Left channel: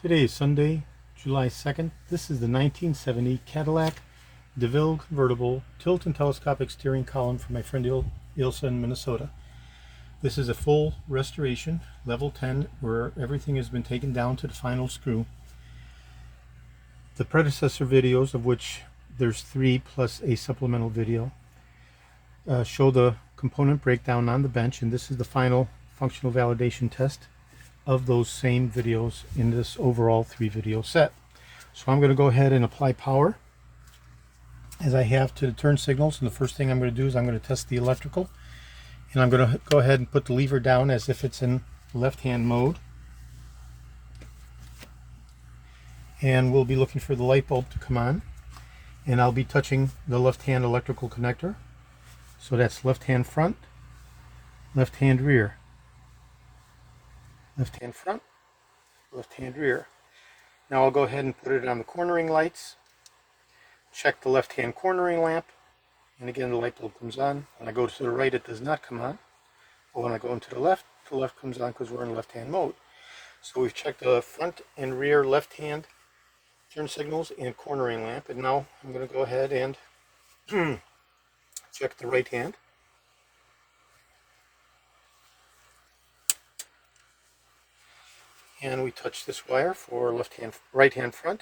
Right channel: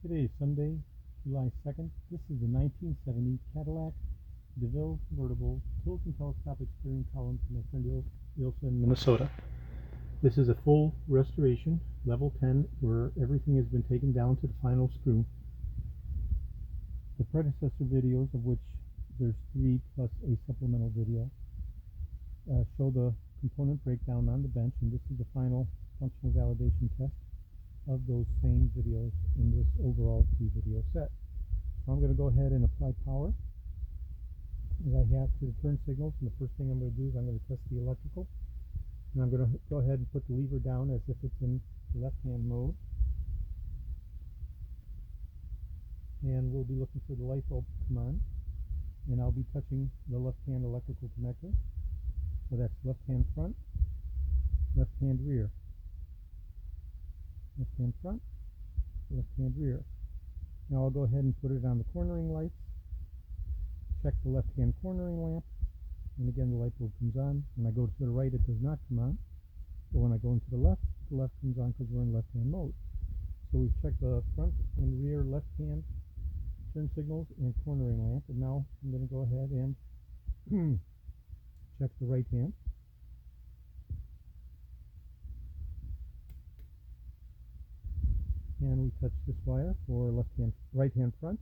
Today is Sunday, July 2nd. This is the 1970 Cadillac DeVille convertible tilt and telescopic steering column for my friend Ilsa in Minnesota. This is a full restoration, level 10, where everything has been taken down to the final screw. The predecessor videos, of which there's 3 plus a supplemental video, show the component breakdown on the bench, and this is the final functional validation test of those same videos in this overall 3-video set. So I'm going to go ahead and apply power as I have to the turn signals, and the first thing I'm going to do is I'm going to test the electrical, and I'm going to go ahead and put the lever down as if it's in left-hand mode, and we'll be looking for the light bulb to come on, and I'll be touching the left-hand electrical connector. So that's left-hand front, left-hand rear, left-hand front, left-hand rear. Now I'll go ahead and put it on the cornering lights, check the left-hand cornering lamp, and again the light bulb comes on. When I go to the right, it does not come on, but when I go into the left comes on because we're in left-hand mode. So we've checked the front and rear left-hand turn signals and cornering lamp, and now I'm going to go ahead and check the right hand. And we touch this wire for right hand front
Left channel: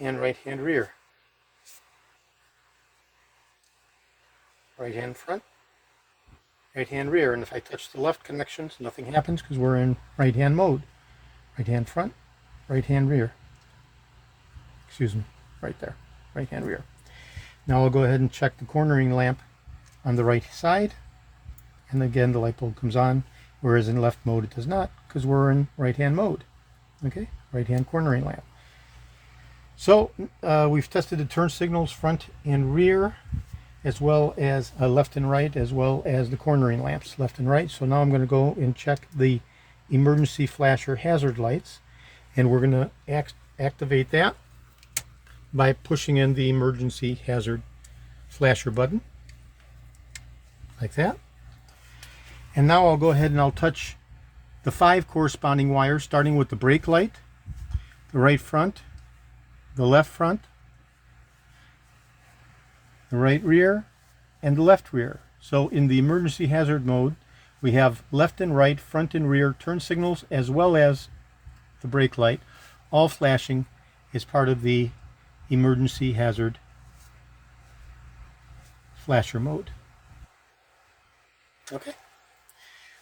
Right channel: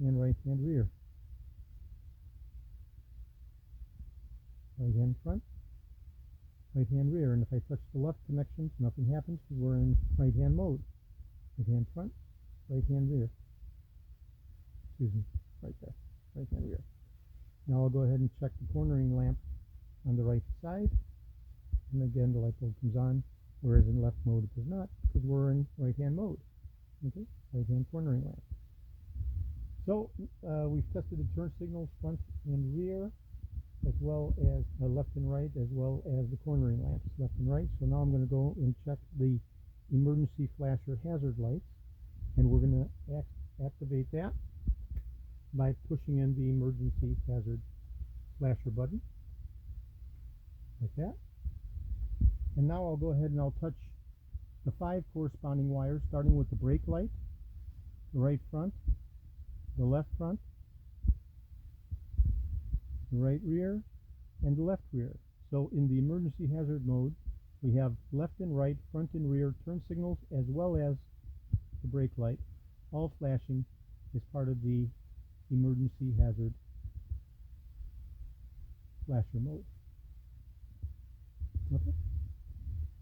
and right hand rear. Right hand front, right hand rear. And if I touch the left connections, nothing happens because we're in right hand mode. Right hand front, right hand rear. Excuse me, right there, right hand rear. Now I'll go ahead and check the cornering lamp on the right side, and again the light bulb comes on, whereas in left mode it does not because we're in right hand mode. Okay, right hand cornering lamp. So we've tested the turn signals front and rear, as well as left and right, as well as the cornering lamps left and right. So now I'm going to go and check the emergency flasher hazard lights, and we're going to activate that by pushing in the emergency hazard flasher button like that. And now I'll go ahead and I'll touch the 5 corresponding wires, starting with the brake light, the right front, the left front, the right rear, and the left rear. So in the emergency hazard mode, we have left and right, front and rear turn signals, as well as the brake light, all flashing as part of the emergency hazard flasher mode. Okay.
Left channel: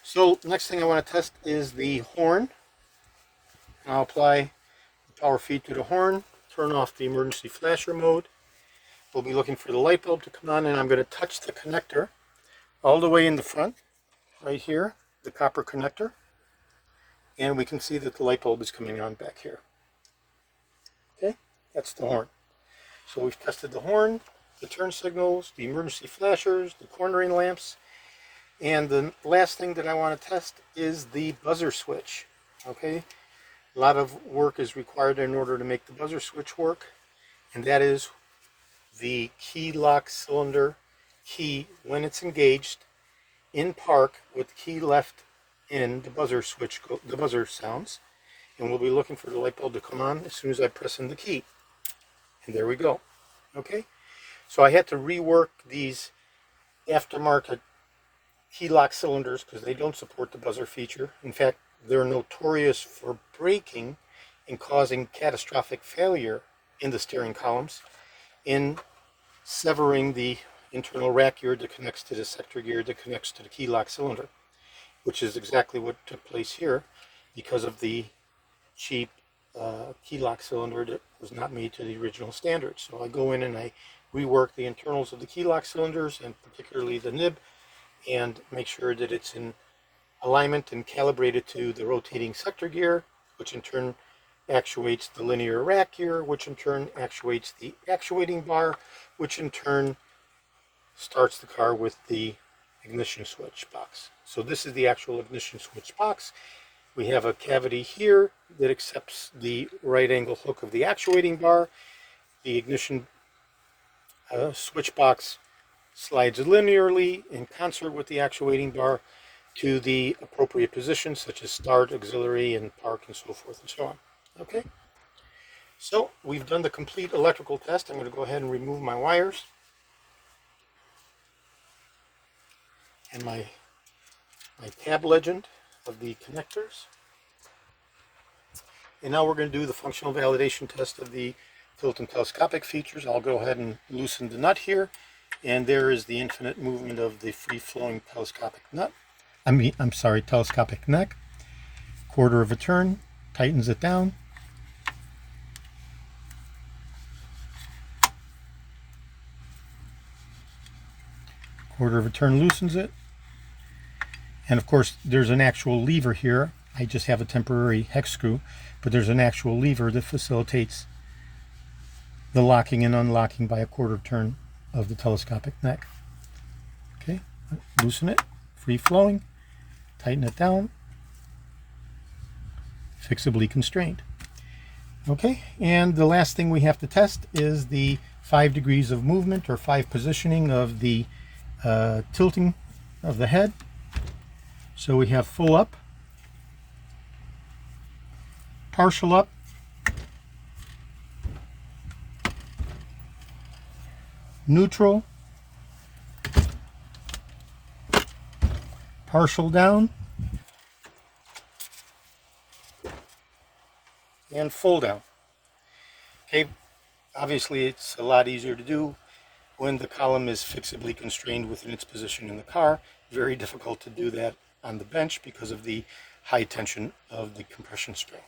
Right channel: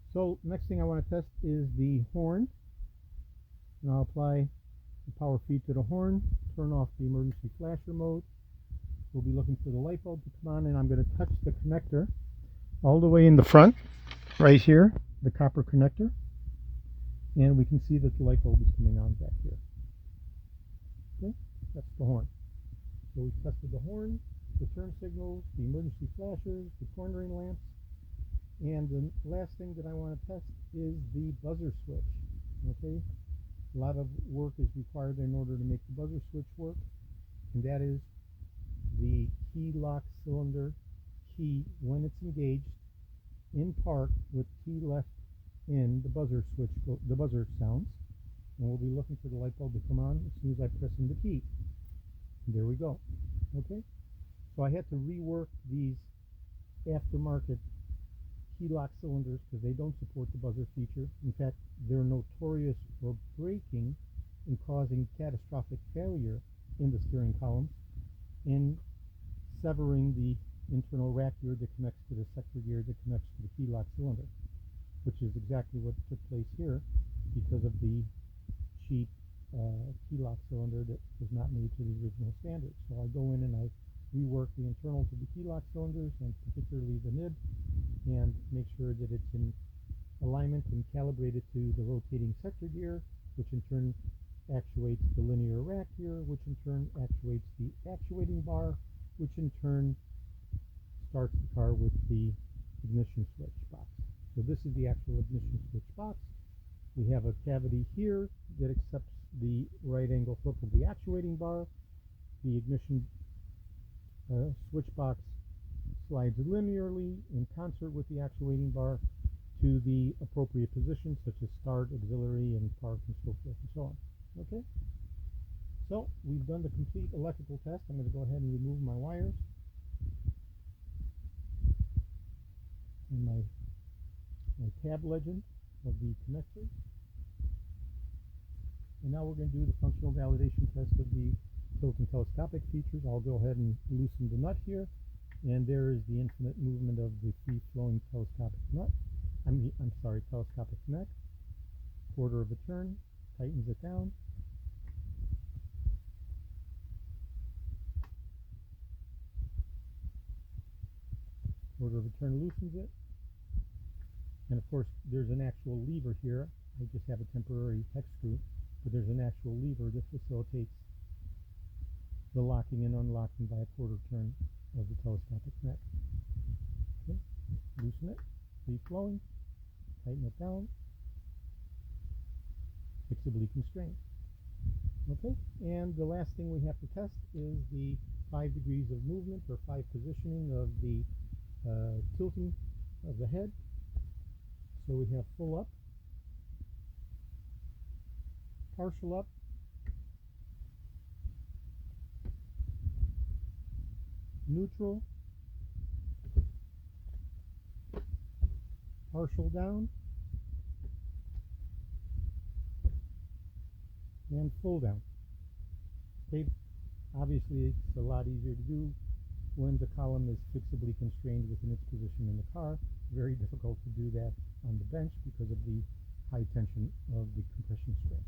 So next thing I want to test is the horn, and I'll apply the power feed to the horn, turn off the emergency flasher mode. We'll be looking for the light bulb to come on, and I'm going to touch the connector all the way in the front, right here, the copper connector, and we can see that the light bulb is coming on back here. Okay, that's the horn. So we've tested the horn, the turn signals, the emergency flashers, the cornering lamps, and the last thing that I want to test is the buzzer switch. Okay, a lot of work is required in order to make the buzzer switch work, and that is the Keylock Cylinder key when it's engaged in park with the key left in, the buzzer switch, the buzzer sounds, and we'll be looking for the light bulb to come on as soon as I press in the key. And there we go. Okay, so I had to rework these aftermarket Keylock cylinders because they don't support the buzzer feature. In fact, they're notorious for breaking and causing catastrophic failure in the steering columns, in severing the internal rack gear that connects to the sector gear that connects to the Keylock cylinder, which is exactly what took place here because of the cheap Keylock cylinder that was not made to the original standards. So I go in and I rework the internals of the Keylock cylinders, and particularly the nib, and make sure that it's in alignment and calibrated to the rotating sector gear, which in turn actuates the linear rack gear, which in turn actuates the actuating bar, which in turn starts the car with the ignition switch box. So this is the actual ignition switch box. We have a cavity here that accepts the right angle hook of the actuating bar. The ignition switch box slides linearly in concert with the actuating bar to the appropriate positions, such as start, auxiliary, and park, and so forth and so on. Okay, so we've done the complete electrical test. I'm going to go ahead and remove my wires and my tab legend of the connectors. And now we're going to do the functional validation test of the tilt and telescopic features. I'll go ahead and loosen the nut here, and there is the infinite movement of the free-flowing telescopic nut. Telescopic neck. Quarter of a turn, tightens it down. Quarter of a turn loosens it. And of course, there's an actual lever here. I just have a temporary hex screw, but there's an actual lever that facilitates the locking and unlocking by a quarter turn of the telescopic neck. Okay, loosen it, free flowing, tighten it down, fixably constrained. Okay, and the last thing we have to test is the 5 degrees of movement or 5 positioning of the tilting of the head. So we have full up, partial up, neutral, partial down, and full down. Okay, obviously it's a lot easier to do when the column is fixably constrained within its position in the car. Very difficult to do that on the bench because of the high tension of the compression spring.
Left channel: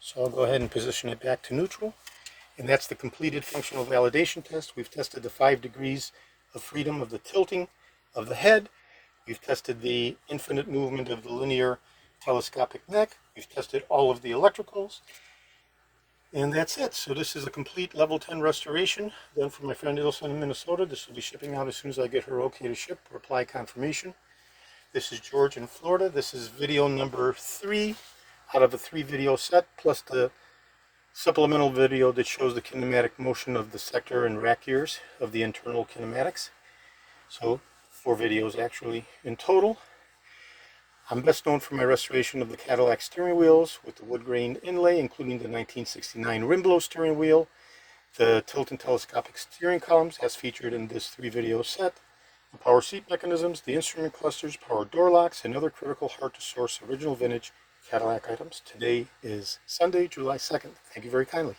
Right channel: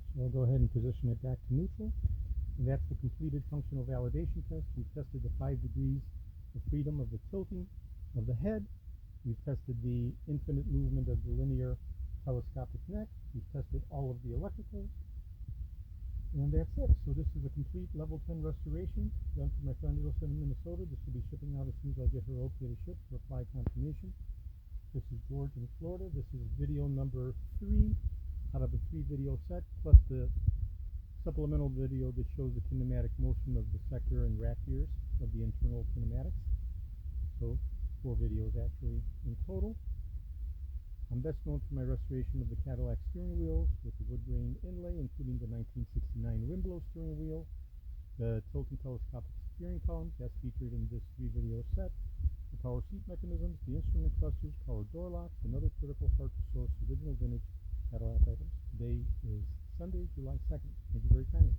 So I'll go ahead and position it back to neutral. And that's the completed functional validation test. We've tested the 5 degrees of freedom of the tilting of the head. We've tested the infinite movement of the linear telescopic neck. We've tested all of the electricals. And that's it. So this is a complete level 10 restoration done for my friend Ilsa in Minnesota. This will be shipping out as soon as I get her okay to ship or apply confirmation. This is George in Florida. This is video number 3 out of a 3-video set, plus the supplemental video that shows the kinematic motion of the sector and rack gears of the internal kinematics. So 4 videos actually in total. I'm best known for my restoration of the Cadillac steering wheels with the wood grain inlay, including the 1969 rim blow steering wheel, the tilt and telescopic steering columns as featured in this 3-video set, the power seat mechanisms, the instrument clusters, power door locks, and other critical hard-to-source original vintage Cadillac items. Today is Sunday, July 2nd. Thank you very kindly.